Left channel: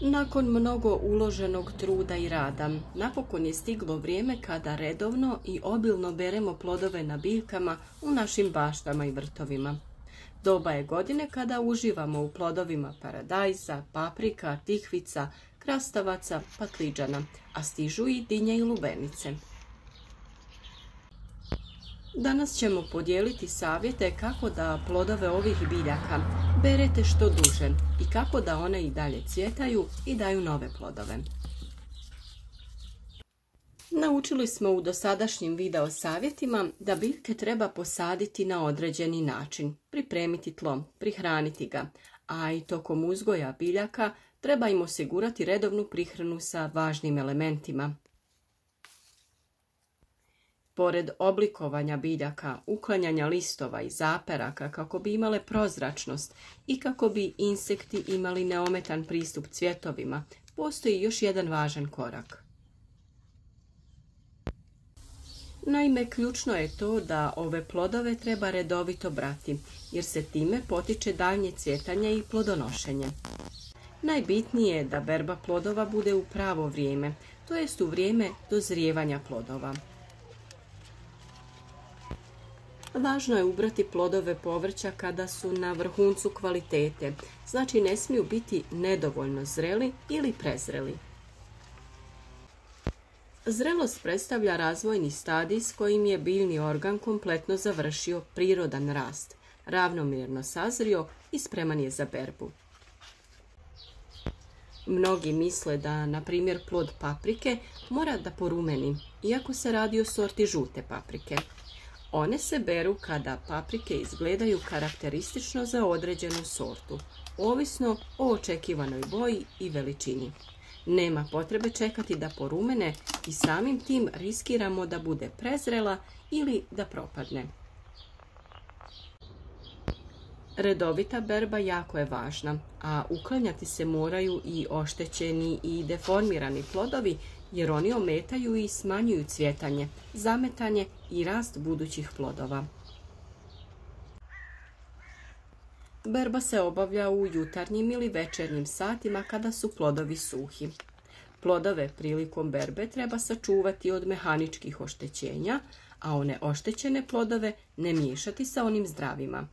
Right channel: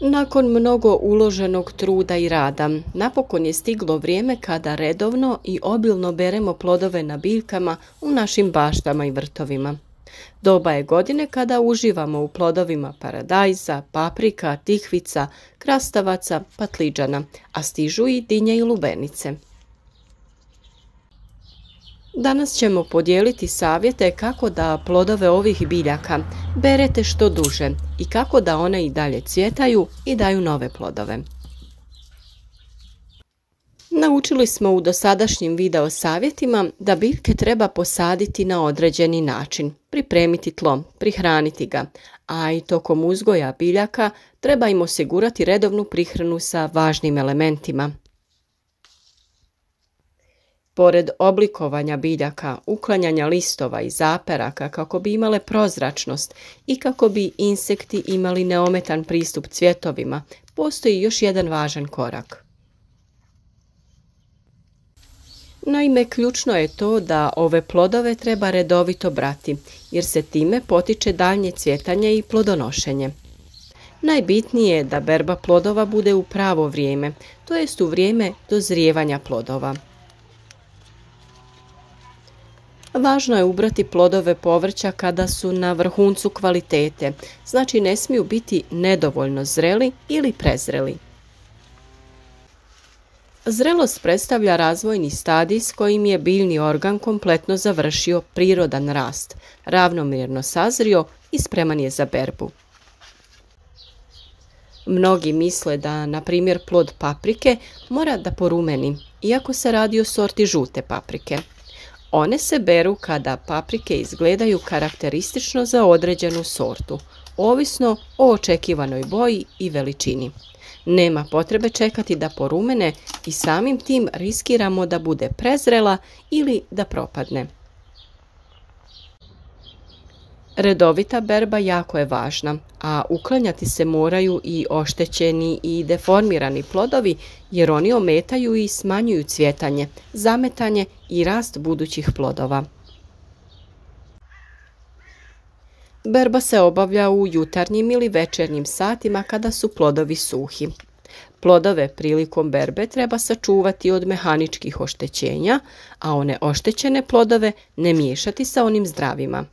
Nakon mnogo uloženog truda i rada, napokon je stiglo vrijeme kada redovno i obilno beremo plodove na biljkama u našim baštama i vrtovima. Doba je godine kada uživamo u plodovima paradajza, paprika, tikvica, krastavaca, patliđana, a stižu i dinje i lubenice. Danas ćemo podijeliti savjete kako da plodove ovih biljaka berete što duže i kako da one i dalje cvjetaju i daju nove plodove. Naučili smo u dosadašnjim video savjetima da biljke treba posaditi na određeni način, pripremiti tlo, prihraniti ga, a i tokom uzgoja biljaka treba im osigurati redovnu prihranu sa važnim elementima. Pored oblikovanja biljaka, uklanjanja listova i zaperaka kako bi imale prozračnost i kako bi insekti imali neometan pristup cvjetovima, postoji još jedan važan korak. Naime, ključno je to da ove plodove treba redovito brati, jer se time potiče daljnje cvjetanje i plodonošenje. Najbitnije je da berba plodova bude u pravo vrijeme, to jest u vrijeme dozrijevanja plodova. Važno je ubrati plodove povrća kada su na vrhuncu kvalitete, znači ne smiju biti nedovoljno zreli ili prezreli. Zrelost predstavlja razvojni stadij s kojim je biljni organ kompletno završio prirodan rast, ravnomjerno sazrio i spreman je za berbu. Mnogi misle da, na primjer, plod paprike mora da porumeni, iako se radi o sorti žute paprike. One se beru kada paprike izgledaju karakteristično za određenu sortu, ovisno o očekivanoj boji i veličini. Nema potrebe čekati da porumene i samim tim riskiramo da bude prezrela ili da propadne. Redovita berba jako je važna, a uklanjati se moraju i oštećeni i deformirani plodovi jer oni ometaju i smanjuju cvjetanje, zametanje i rast budućih plodova. Berba se obavlja u jutarnjim ili večernjim satima kada su plodovi suhi. Plodove prilikom berbe treba sačuvati od mehaničkih oštećenja, a one oštećene plodove ne miješati sa onim zdravima.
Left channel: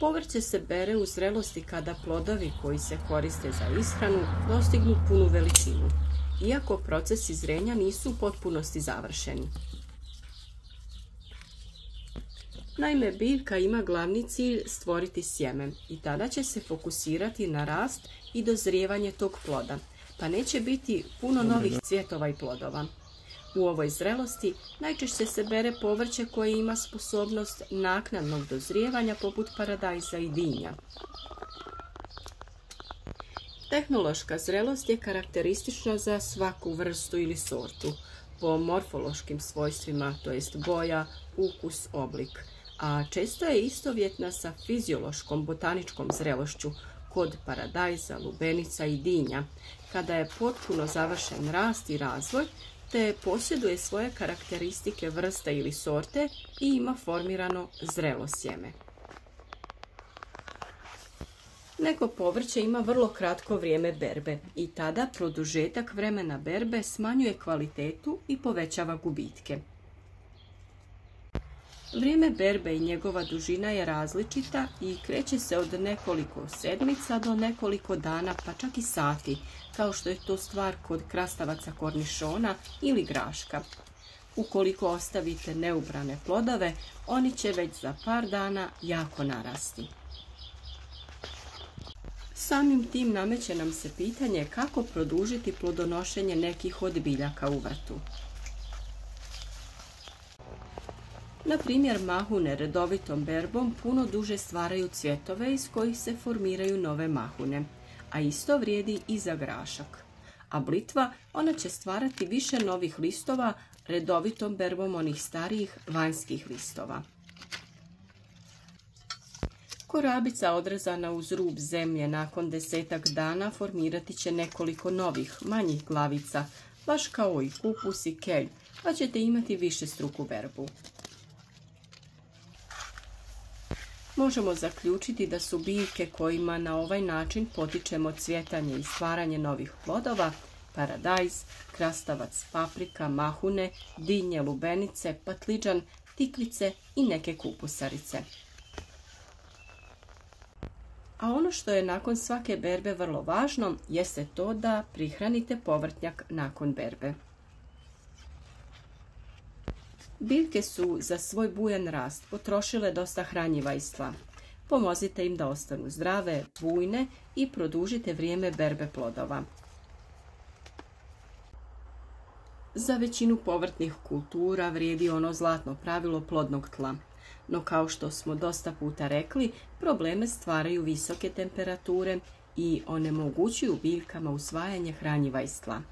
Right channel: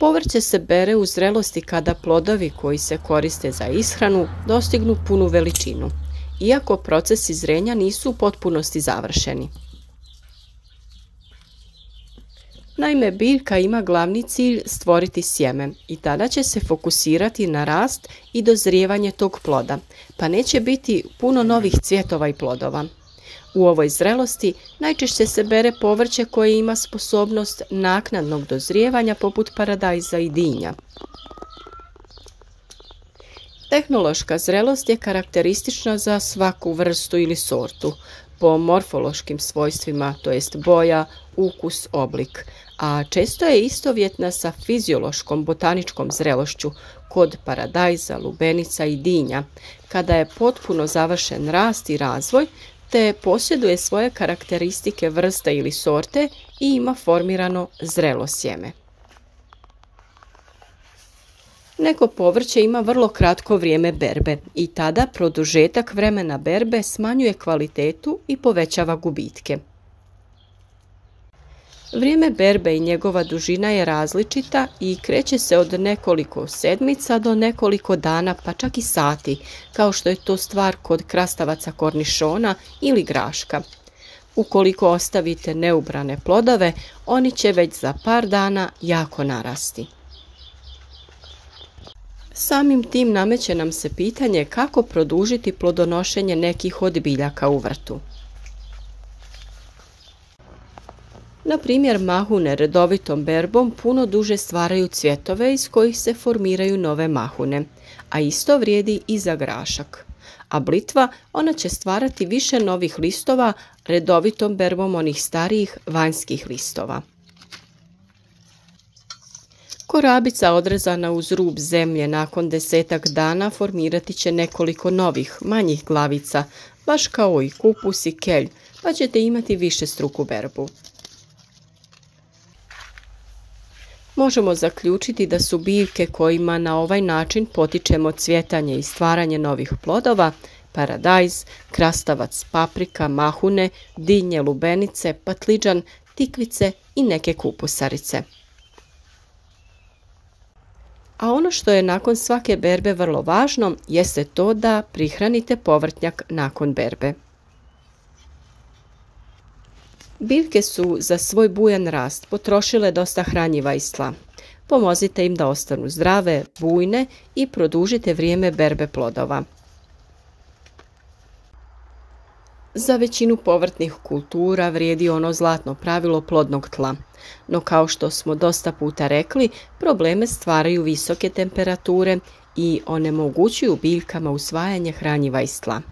Povrće se bere u zrelosti kada plodovi koji se koriste za ishranu dostignu punu veličinu, iako procesi zrenja nisu u potpunosti završeni. Naime, biljka ima glavni cilj stvoriti sjeme i tada će se fokusirati na rast i dozrijevanje tog ploda, pa neće biti puno novih cvjetova i plodova. U ovoj zrelosti najčešće se bere povrće koje ima sposobnost naknadnog dozrijevanja poput paradajza i dinja. Tehnološka zrelost je karakteristična za svaku vrstu ili sortu, po morfološkim svojstvima, to jest boja, ukus, oblik, a često je istovjetna sa fiziološkom botaničkom zrelošću kod paradajza, lubenica i dinja, kada je potpuno završen rast i razvoj, te posjeduje svoje karakteristike vrste ili sorte i ima formirano zrelo sjeme. Neko povrće ima vrlo kratko vrijeme berbe i tada produžetak vremena berbe smanjuje kvalitetu i povećava gubitke. Vrijeme berbe i njegova dužina je različita i kreće se od nekoliko sedmica do nekoliko dana, pa čak i sati, kao što je to stvar kod krastavaca kornišona ili graška. Ukoliko ostavite neubrane plodove, oni će već za par dana jako narasti. Samim tim nameće nam se pitanje kako produžiti plodonošenje nekih od biljaka u vrtu. Na primjer, mahune redovitom berbom puno duže stvaraju cvjetove iz kojih se formiraju nove mahune, a isto vrijedi i za grašak. A blitva, ona će stvarati više novih listova redovitom berbom onih starijih vanjskih listova. Korabica odrezana uz rub zemlje nakon 10-tak dana formirati će nekoliko novih, manjih glavica, baš kao i kupus i kelj, pa ćete imati višestruku berbu. Možemo zaključiti da su biljke kojima na ovaj način potičemo cvjetanje i stvaranje novih plodova paradajz, krastavac, paprika, mahune, dinje, lubenice, patliđan, tikvice i neke kupusarice. A ono što je nakon svake berbe vrlo važno jeste to da prihranite povrtnjak nakon berbe. Biljke su za svoj bujan rast potrošile dosta hranjiva iz tla. Pomozite im da ostanu zdrave, bujne i produžite vrijeme berbe plodova. Za većinu povrtnih kultura vrijedi ono zlatno pravilo plodnog tla. No kao što smo dosta puta rekli, probleme stvaraju visoke temperature i onemogućuju biljkama usvajanje hranjiva iz tla.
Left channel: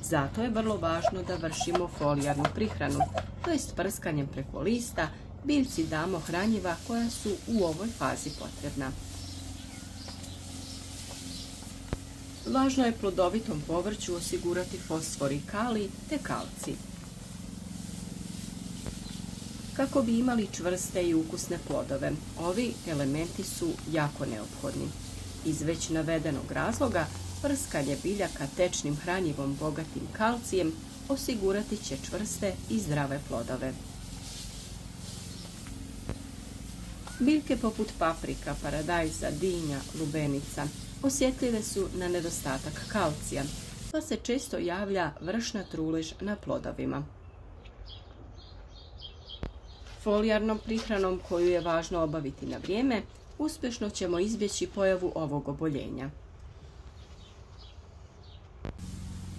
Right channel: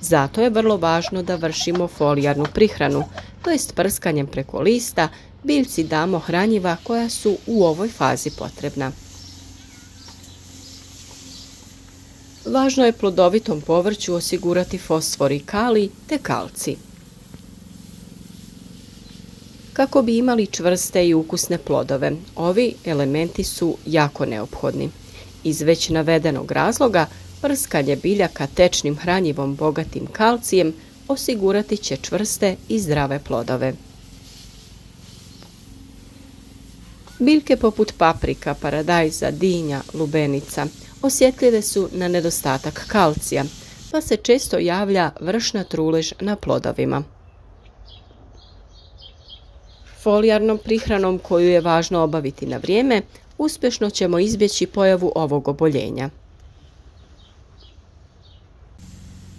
Zato je vrlo važno da vršimo folijarnu prihranu, to jest prskanjem preko lista biljci damo hranjiva koja su u ovoj fazi potrebna. Važno je plodovitom povrću osigurati fosfor i kalij te kalcij. Kako bi imali čvrste i ukusne plodove, ovi elementi su jako neophodni. Iz već navedenog razloga, prskanje biljaka tečnim hranjivom bogatim kalcijem osigurati će čvrste i zdrave plodove. Biljke poput paprika, paradajza, dinja, lubenica osjetljive su na nedostatak kalcija, pa se često javlja vršna trulež na plodovima. Folijarnom prihranom koju je važno obaviti na vrijeme, uspješno ćemo izbjeći pojavu ovog oboljenja.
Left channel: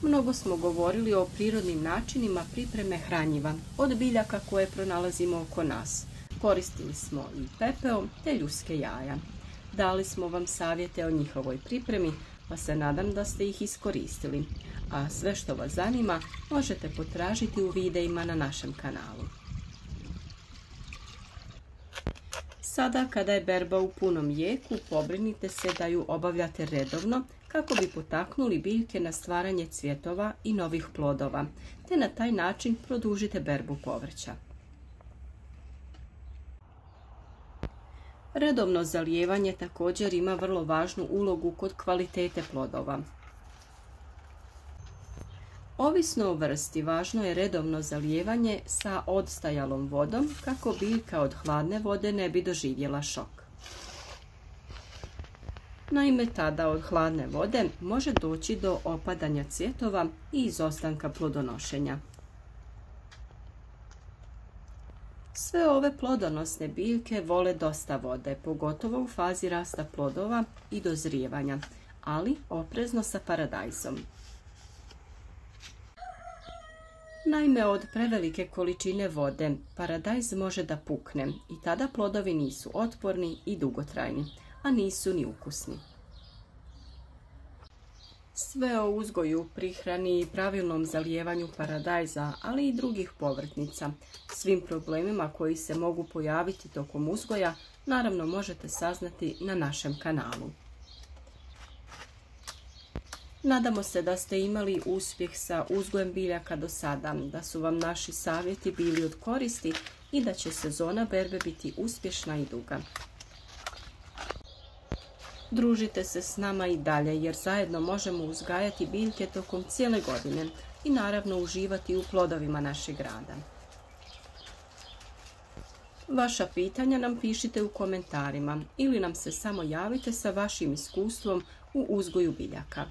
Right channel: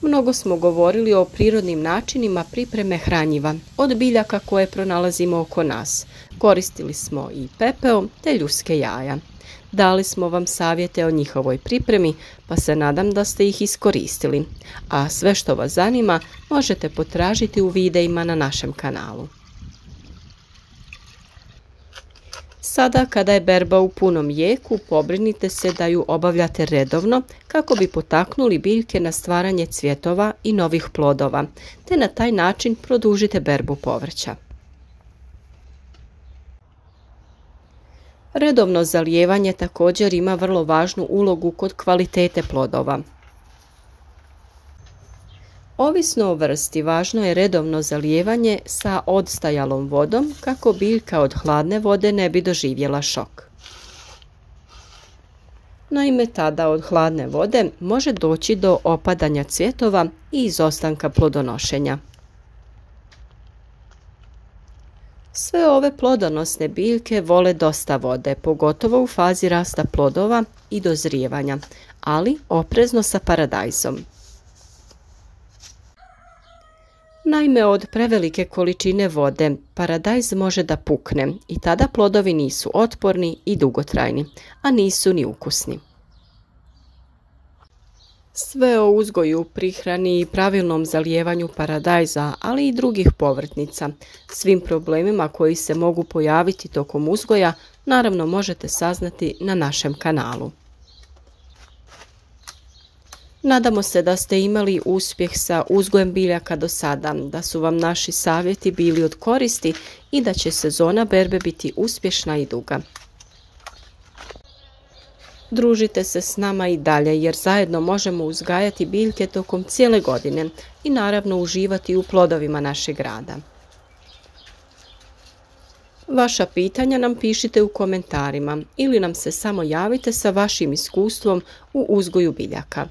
Mnogo smo govorili o prirodnim načinima pripreme hranjiva od biljaka koje pronalazimo oko nas. Koristili smo i pepeo te ljudske jaja. Dali smo vam savjete o njihovoj pripremi, pa se nadam da ste ih iskoristili. A sve što vas zanima možete potražiti u videima na našem kanalu. Sada kada je berba u punom jeku, pobrinite se da ju obavljate redovno kako bi potaknuli biljke na stvaranje cvjetova i novih plodova, te na taj način produžite berbu povrća. Redovno zalijevanje također ima vrlo važnu ulogu kod kvalitete plodova. Ovisno o vrsti, važno je redovno zalijevanje sa odstajalom vodom kako biljka od hladne vode ne bi doživjela šok. Naime, tada od hladne vode može doći do opadanja cvjetova i izostanka plodonošenja. Sve ove plodonosne biljke vole dosta vode, pogotovo u fazi rasta plodova i dozrijevanja, ali oprezno sa paradajzom. Naime, od prevelike količine vode paradajz može da pukne i tada plodovi nisu otporni i dugotrajni, a nisu ni ukusni. Sve o uzgoju, prihrani i pravilnom zalijevanju paradajza, ali i drugih povrtnica, svim problemima koji se mogu pojaviti tokom uzgoja, naravno možete saznati na našem kanalu. Nadamo se da ste imali uspjeh sa uzgojem biljaka do sada, da su vam naši savjeti bili od koristi i da će sezona berbe biti uspješna i duga. Družite se s nama i dalje jer zajedno možemo uzgajati biljke tokom cijele godine i naravno uživati u plodovima našeg rada. Vaša pitanja nam pišite u komentarima ili nam se samo javite sa vašim iskustvom u uzgoju biljaka.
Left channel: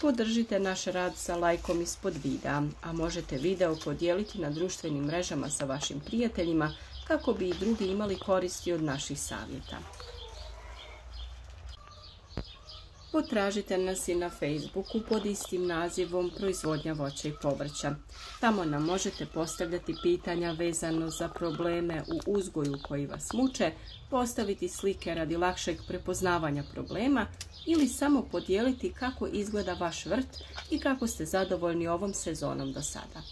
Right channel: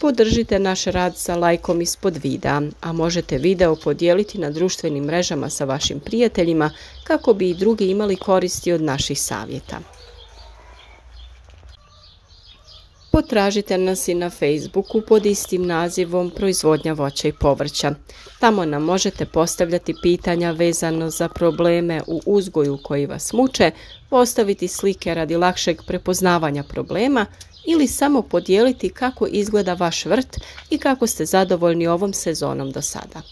Podržite naš rad sa lajkom ispod videa, a možete video podijeliti na društvenim mrežama sa vašim prijateljima kako bi i drugi imali koristi od naših savjeta. Potražite nas i na Facebooku pod istim nazivom Proizvodnja voća i povrća. Tamo nam možete postavljati pitanja vezano za probleme u uzgoju koji vas muče, postaviti slike radi lakšeg prepoznavanja problema ili samo podijeliti kako izgleda vaš vrt i kako ste zadovoljni ovom sezonom do sada.